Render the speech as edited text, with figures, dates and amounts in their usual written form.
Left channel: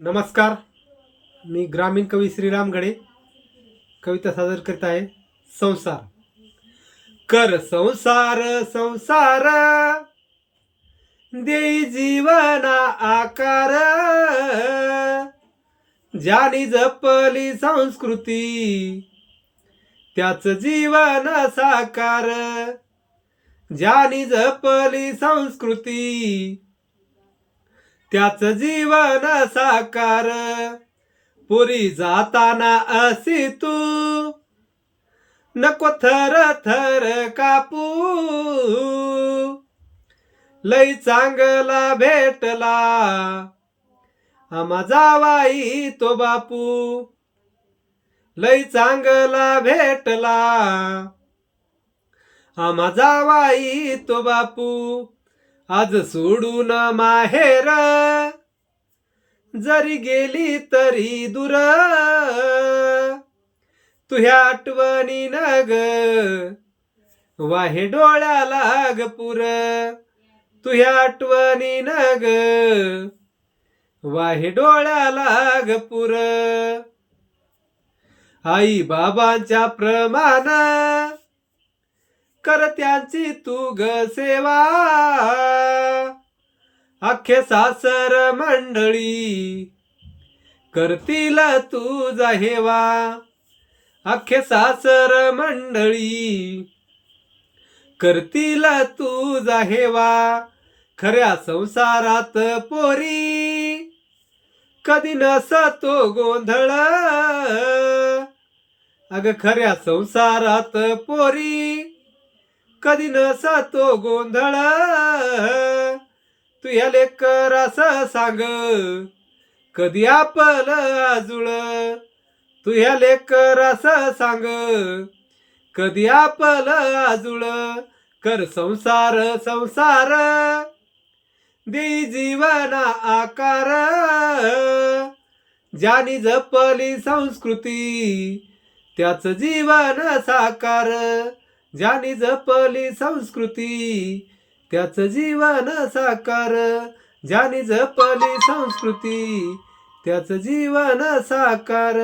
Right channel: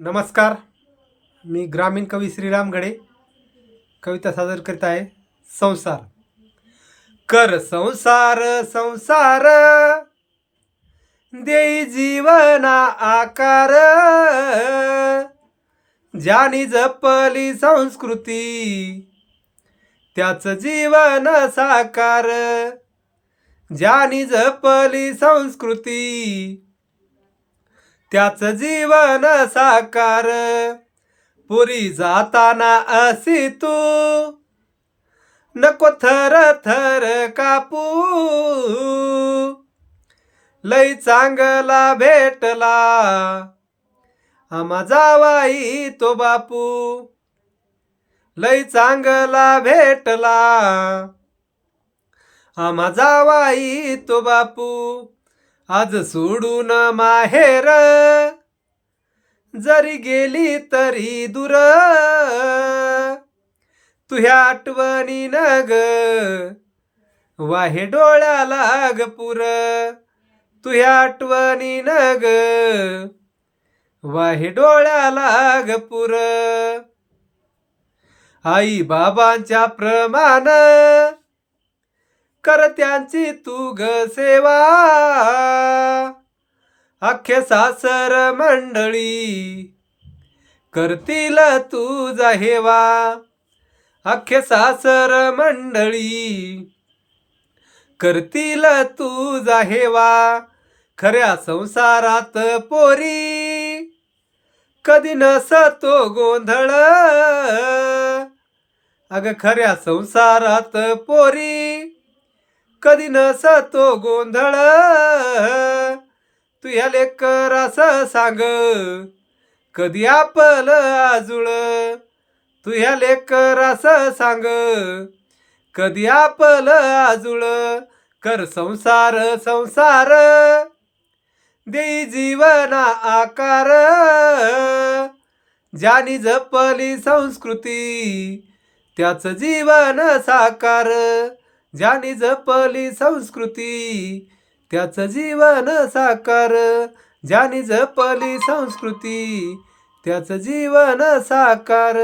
नमस्कार. मी ग्रामीण कवी श्रीराम गडे कविता सादर करीत आहे. संसार. कर संसार संसार देई जीवना आकार, ज्यानी जपली संस्कृती त्याच जीवन साकार. ज्यानी जपली संस्कृती त्याच जीवन साकार. पुरी जाताना असी तू नको थर थर कापू, लई चांगला भेटला आम्हा जावाई तो बापू. लई चांगला भेटला आम्हा जावाई तो बापू. आज सोडून माहेर जरी गेली तरी दूर, तुझ्या आठवणी न ग वाहे डोळ्याला ग पुर. तुझ्या आठवणी न ग वाहे डोळ्याला ग पुर. आई बाबांच्या प्रमाण कर त्यांची तू ग सेवा. अख्खे सासर मंडळी करतील तुझा हेवा. अख्खे सासर मंडळी करतील तुझा हेवा. खऱ्या संसारात पोरी कधी नसतो गोंधळ. अग खऱ्या संसारात पोरी कधी नसतो गोंधळ. तू ह्या लेकरास सांग कधी आपलं आजुळ. तू ह्या लेकरास सांग कधी आपलं आजुळ. कर संसार संसार देई जीवना आकार, ज्यानी जपली संस्कृती त्याच जीवन साकार. ज्यानी जपली संस्कृती त्याच जीवन साकार. ज्यानी जपली संस्कृती त्याच जीवन साकार.